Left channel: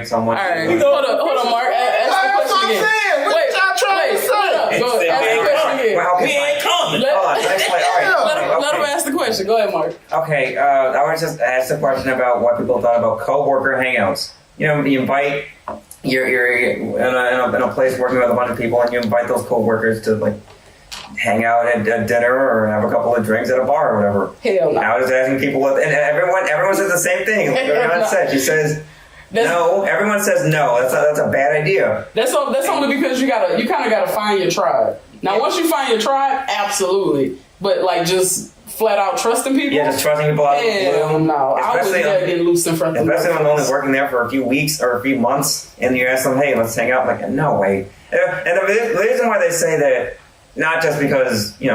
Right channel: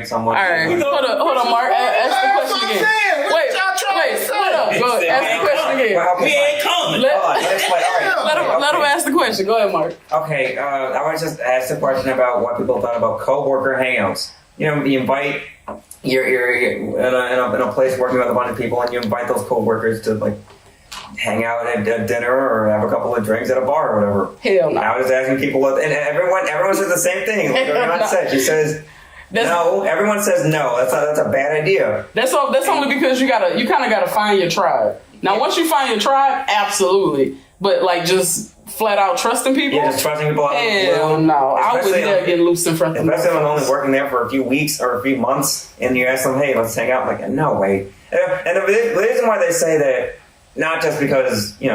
someone. All right, hold on, Mark. That's what I'm saying. What y'all trying to say? We ain't coming. Let him ask the question. Go ahead, Mark. Okay, I was just asked a question about what people thought about co-worker hangouts. You know, you invite, you're in a place working with a bunch of people, and you invite those co-workers to like hang out at dinner or have a couple of drinks at a bar or whatever. Hell no. I was asking people, and everyone says the same thing. Like John said, she says. No, everyone says no. That's a bad idea. That's only because you kind of gotta find your tribe. Now, once you find your tribe, absolutely. But like just flat out trusting people. Yeah, just trusting people out of the blue. No, I was never getting loose in front of them. Especially when only working there for a few weeks or a few months, and you ask them, "Hey, let's hang out." I'm like, no way. And the reason why they say that, not just because you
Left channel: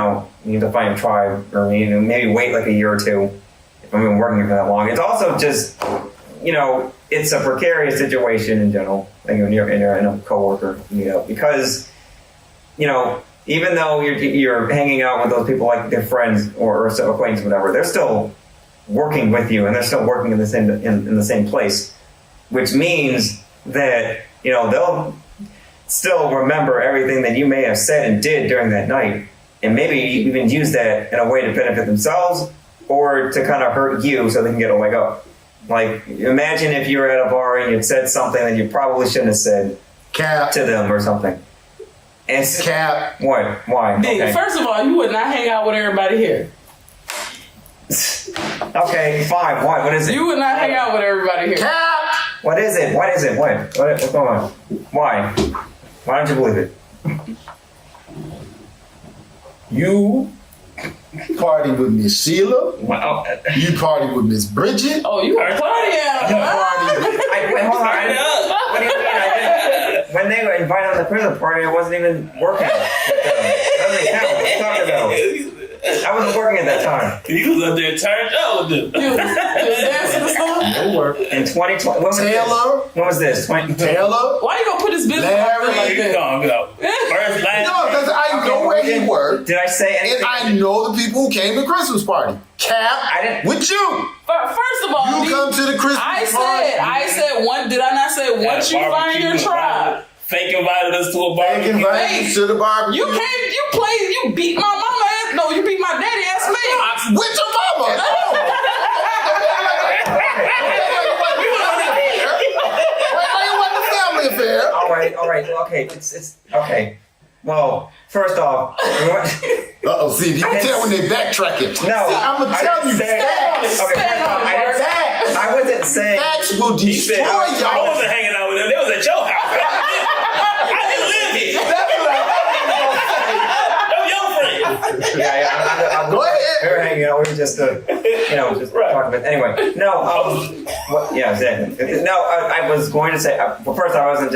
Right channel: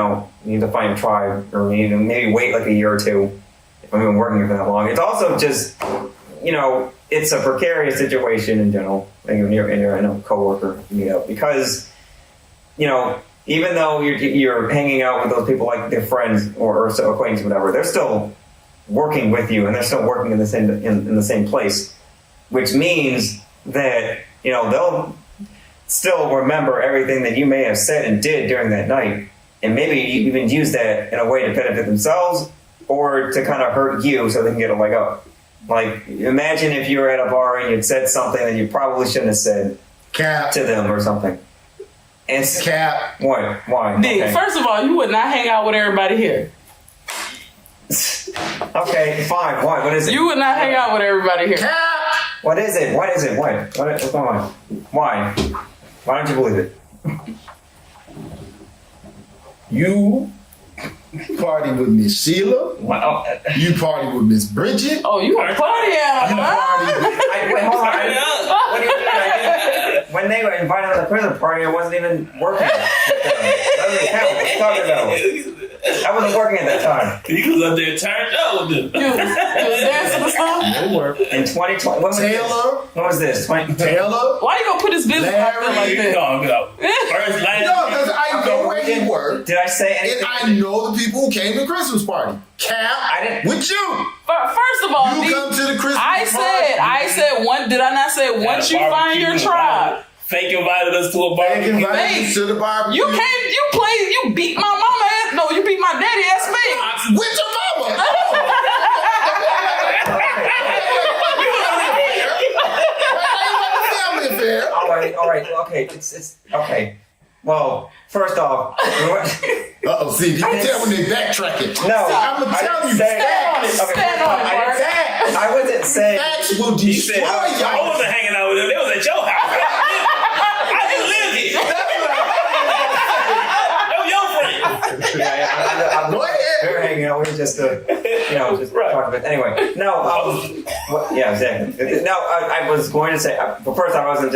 need to find a tribe or maybe wait like a year or two if I've been working here for that long. It's also just it's a precarious situation in general when you're in a coworker meetup because, even though you're hanging out with those people like their friends or acquaintances, whatever, they're still working with you and they're still working in the same place, which means that they'll still remember everything that you may have said and did during that night, and maybe even use that in a way to benefit themselves or to kind of hurt you so they can get a leg up. Like, imagine if you were at a bar and you'd said something that you probably shouldn't have said to them or something. And Cap. What? Why? Nick, okay. First of all, you would not hang out with everybody here. Okay, fine. Why? What is it? You would not hang out with everybody here. Cap. What is it? What is it? What's going on? Why? Why don't you believe it? You party with Miss Sheila. Well, You party with Miss Bridget. Oh, you a party out. You party with wait, hold on. What do you mean? When they were invited on the prison party, I wasn't even working. That doesn't count. What are you talking about? I wasn't working at that time. You was up there turned up with them. You was dancing or something? no work. In 2020, Taylor. When was this? Taylor. Why you gonna put his business out there Larry. like You that? gonna go first, last. No, because I know where he worked. Did I say anything? And I know the people who came to the Christmas party. Cap. I didn't. With you. First of all, You come to the Christmas party. I said one. Did I not say Had once a you find barbecue your tribe? Fake invited us to a They barbecue. invited you to the barbecue. You beat my mama ass. No, you beat my daddy ass man. With your mama. Family affair. All right. Okay, it's okay. Well, first off, Uh-oh, see, you can tell when they backtracking. no, See, I'm going to I tell didn't you say- facts. Okay, first off, I wasn't saying. Facts will He destroy said, I y'all. wasn't hanging out with them. They was at your house. I didn't live here. Them your friends. I'm Go ahead. we were hanging out. We were just, just Right. talking about. Anyway, no. Yeah, exactly. No, I was going to say. But first, I wasn't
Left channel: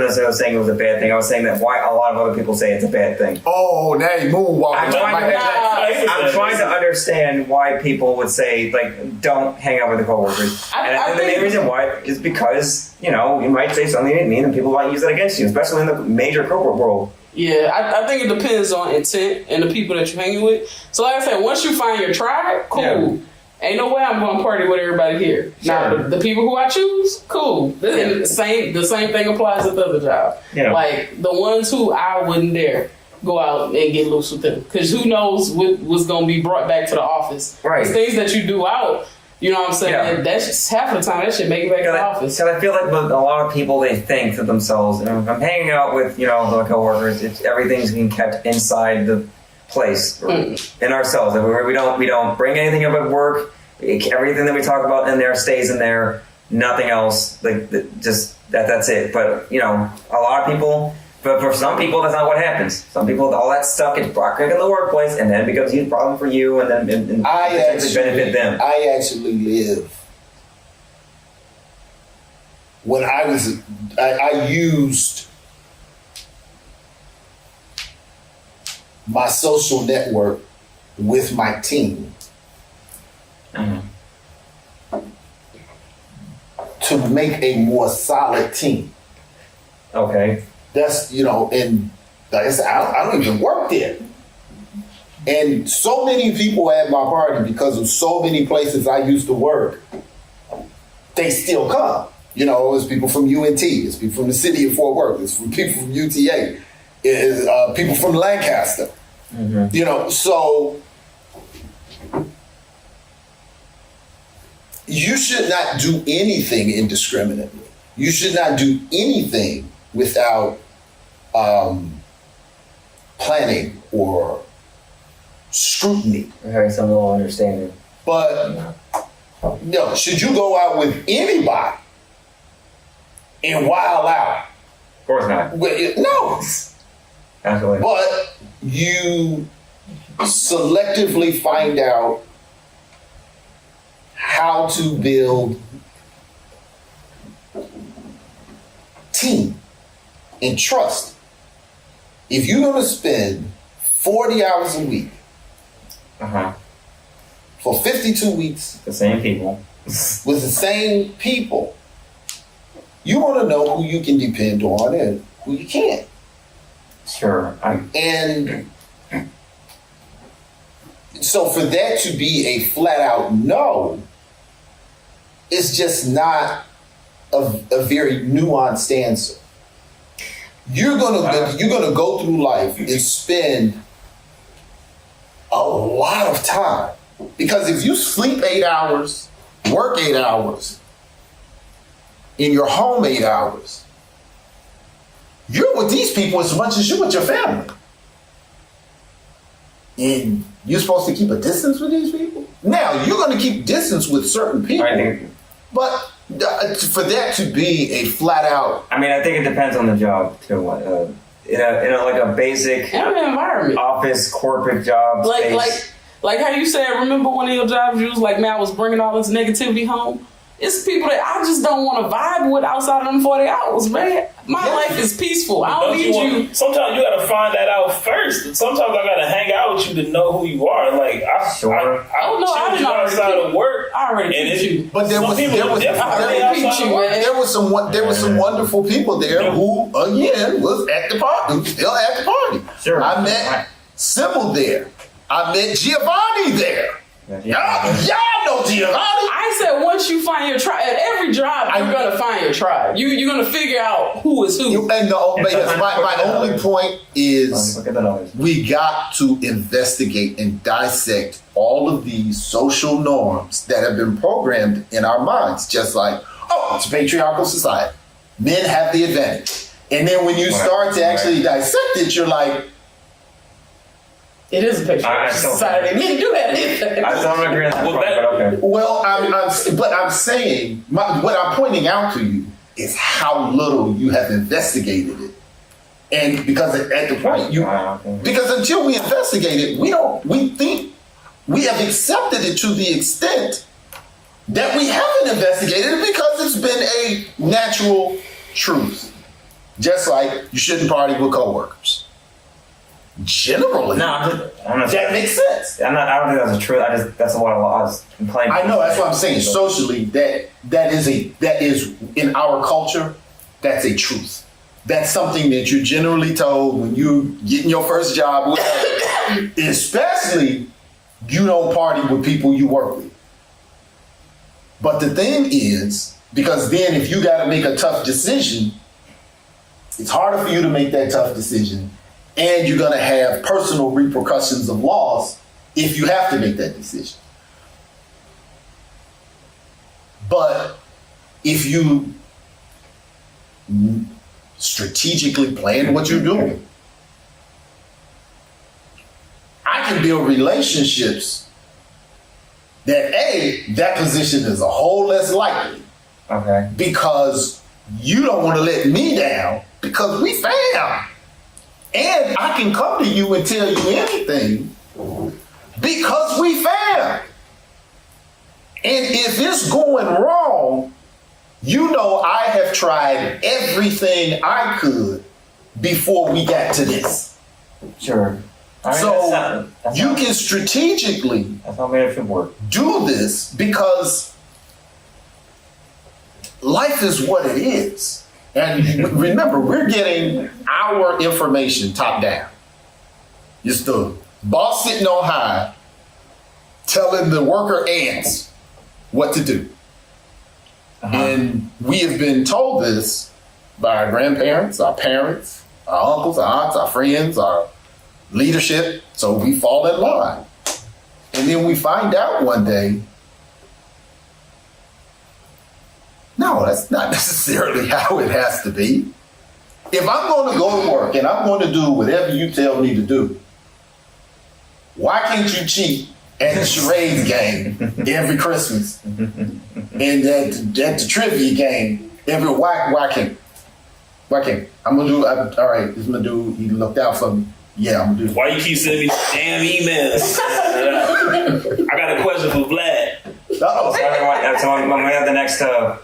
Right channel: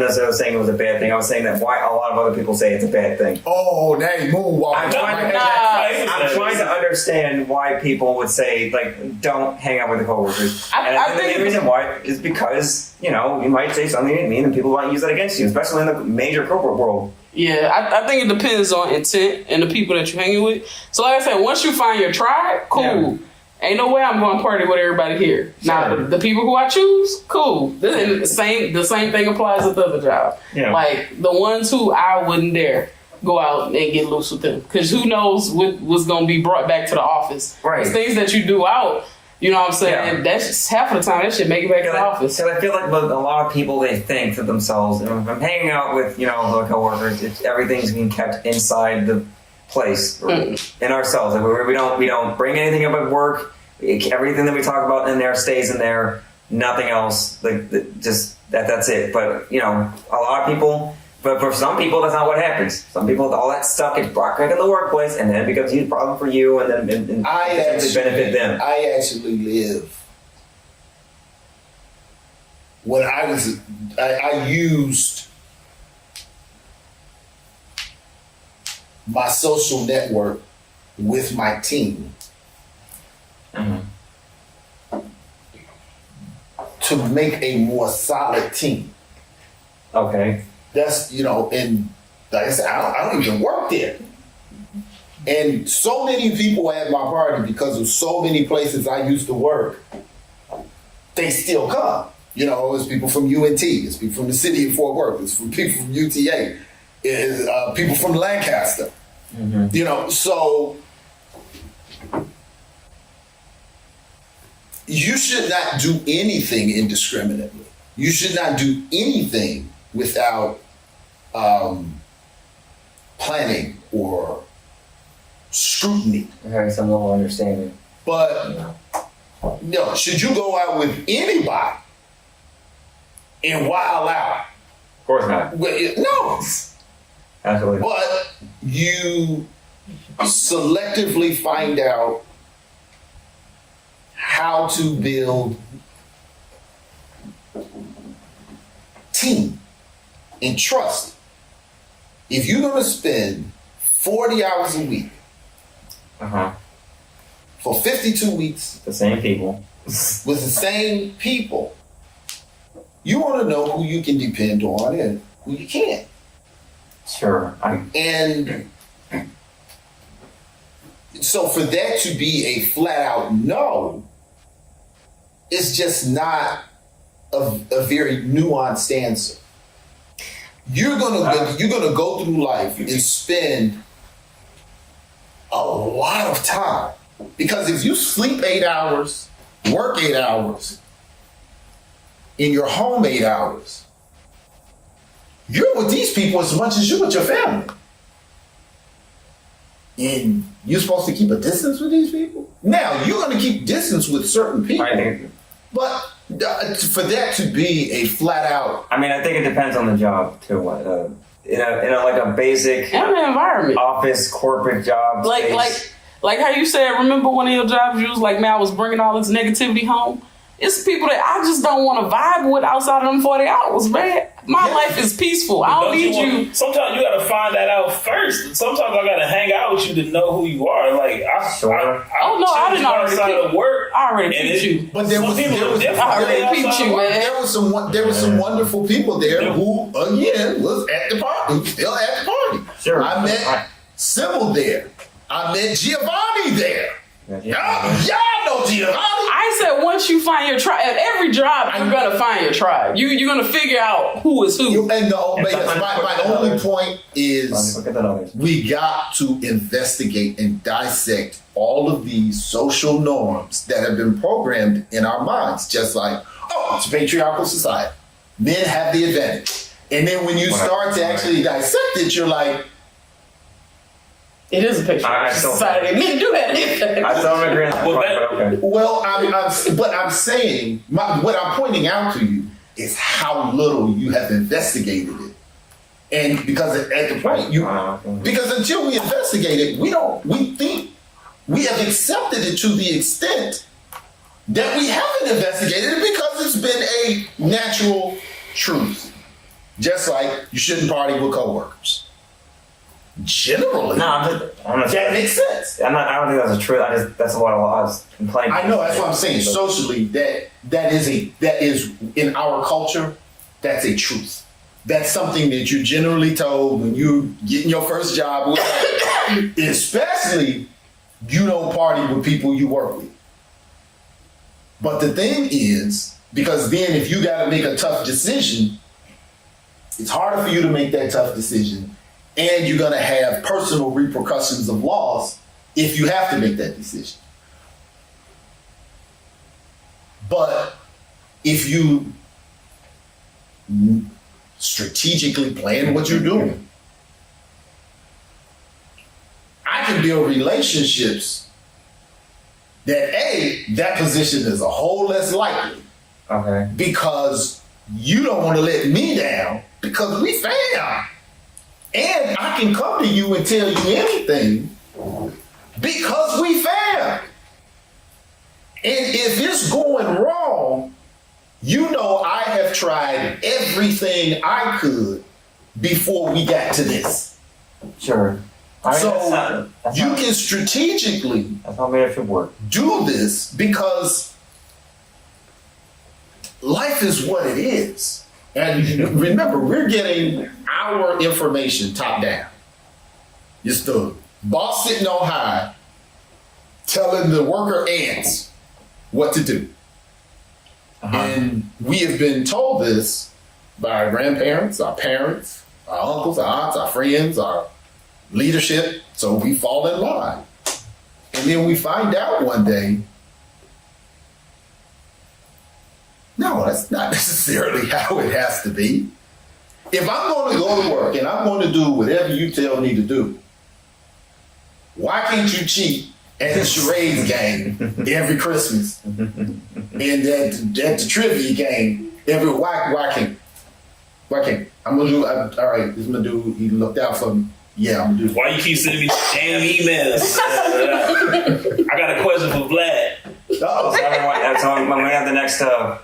necessarily saying it was a bad thing. I was saying that why a lot of other people say it's a bad thing. Oh, now you moonwalking. I'm trying to understand why people would say like don't hang out with the coworkers. And the main reason why is because you might say something you didn't mean, and people might use that against you, especially in the major corporate world. Yeah, I think it depends on intent and the people that you're hanging with. So like I said, once you find your tribe, cool. Yeah. Ain't no way I'm going to party with everybody here. Now, Sure. the people who I choose, cool. And the same thing applies with the other job. Yeah. Like, the ones who I wouldn't dare go out and get loose with them. Because who knows what's going to be brought back to the office. Right. It's things that you do out, you know what I'm saying? Yeah. And that's just half of the time, that shit make it back to the office. Because I feel like with a lot of people, they think to themselves, if I'm hanging out with the coworkers, everything's being kept inside the place or in ourselves. We don't bring anything up at work. Everything that we talk about in there stays in there. Nothing else. Just that's it. But a lot of people. But for some people, that's not what happens. Some people, all that stuff gets brought back in the workplace, and then it becomes a huge problem for you, and then it benefit them. I actually live. When I used my social network with my team to make a more solid team. Okay. That's, and like I said, I don't even work there. And so many people at my party, because of so many places I used to work, they still come. You know, it's people from UNT, it's people from the city of Fort Worth, it's from people from UTA, it's people from Lancaster. Mm-hmm. You know, so you should not do anything indiscriminately. You should not do anything without planning or scrutiny. Having some little understanding. But no, should you go out with anybody and wild out? Of course not. No. Absolutely not. But you selectively find out how to build team and trust. If you're going to spend 40 hours a week for 52 weeks The same people. with the same people, you want to know who you can depend on and who you can't. Sure. And so for that to be a flat out no, it's just not a very nuanced answer. You're gonna go through life and spend a lot of time, because if you sleep 8 hours, work 8 hours, in your home 8 hours, you're with these people as much as you're with your family. And you're supposed to keep a distance with these people? Now, you're going to keep distance with certain people. But for that to be a flat out... I mean, I think it depends on the job, too. In a like a basic environment, office, corporate job. Like how you said, remember one of your jobs, you was like, man, I was bringing all this negativity home. It's people that I just don't want to vibe with outside of them 40 hours, man. My life is peaceful. I don't need you. Sometimes you got to find that out first. Sometimes I got to hang out with you to know who you are. Like, I didn't know outside of work. I already peeped you. But there was some wonderful people there who, again, was at the party, still at the party. Sure. I met Sybil there. I met Giovanni there. Y'all know Giovanni. I said once you find your tribe, at every job you're gonna find your tribe. You're gonna figure out who is who. My only point is we got to investigate and dissect all of these social norms that have been programmed in our minds. Just like, oh, it's a patriarchal society. Men have the advantage. And then when you start to actually dissect it, you're like, it is a picture. Society. Men do have it. I don't agree on that point, but okay. Well, I'm saying, what I'm pointing out to you is how little you have investigated it. And because at the point, because until we investigate it, we think we have accepted it to the extent that we haven't investigated it because it's been a natural truth. Just like you shouldn't party with coworkers. Generally, I'm not that makes sense. I don't think that's a truth. That's what I was complaining. I know, that's what I'm saying. Socially, that is in our culture, that's a truth. That's something that you're generally told when you getting your first job, especially you don't party with people you work with. But the thing is, because then if you got to make a tough decision, it's harder for you to make that tough decision. And you're going to have personal repercussions of loss if you have to make that decision. But if you strategically plan what you're doing, I can build relationships that position is a whole less likely. Okay. Because you don't want to let me down because we fam. And I can come to you and tell you anything because we fam. And if it's going wrong, you know I have tried everything I could before we got to this. Sure. You can strategically do this because life is what it is. And remember, we're getting our information top down. It's the boss sitting on high telling the worker ants what to do. And we have been told this by our grandparents, our parents, our uncles, our aunts, our friends, our leadership. So we fall in line. And then we find out one day, no, that's not necessarily how it has to be. If I'm going to go to work and I'm going to do whatever you tell me to do, why can't you cheat at the charades game every Christmas? And at the trivia game every why can't? I'm gonna do all right, this is my dude, he looked out for me. Yeah, I'm gonna do. Why you keep sending me damn emails? I got a question for Vlad. So everyone, when we have the next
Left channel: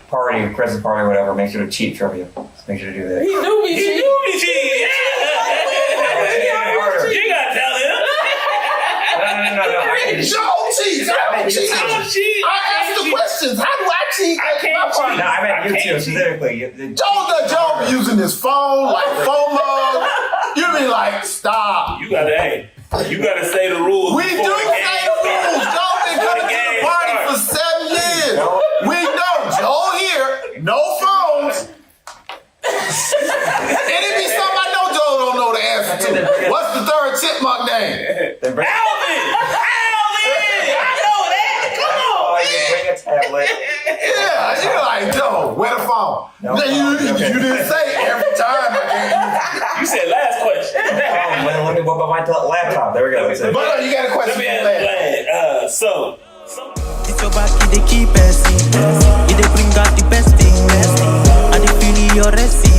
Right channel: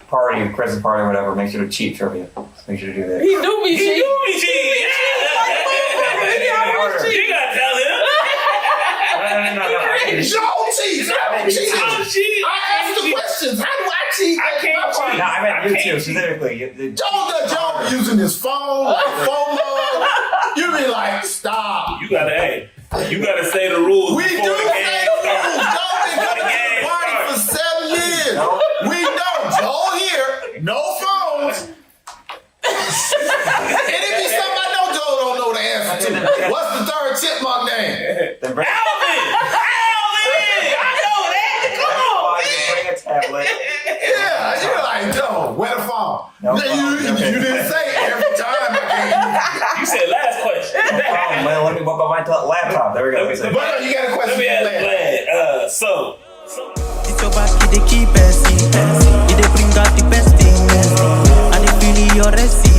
party, Christmas party, whatever, make sure to cheat trivia. Just make sure to do that. He do be cheating. Yeah. You gotta tell him. No. Joe cheats. I asked the questions. How do I cheat? I can't cheat. No, I mean you too, specifically. Joe using his phone like phone mug. You be like, stop. You gotta say the rules. We do before the say game the starts. rules. Joe been coming to the party for 7 years. We know Joe here, no phones. And it be something I know Joe don't know the answer to. What's the third chipmunk name? Alvin! I know that. Come on. Bring a tablet. Yeah, you're like, Joe, where the phone? No phone. You didn't say every time I can't. You said last question. No problem, man. Let me whip up my laptop. There we go. That's it. But you got a question Let me for ask Vlad. So It's your back, they keep passing. It they bring out the best thing. And they feel your recipe.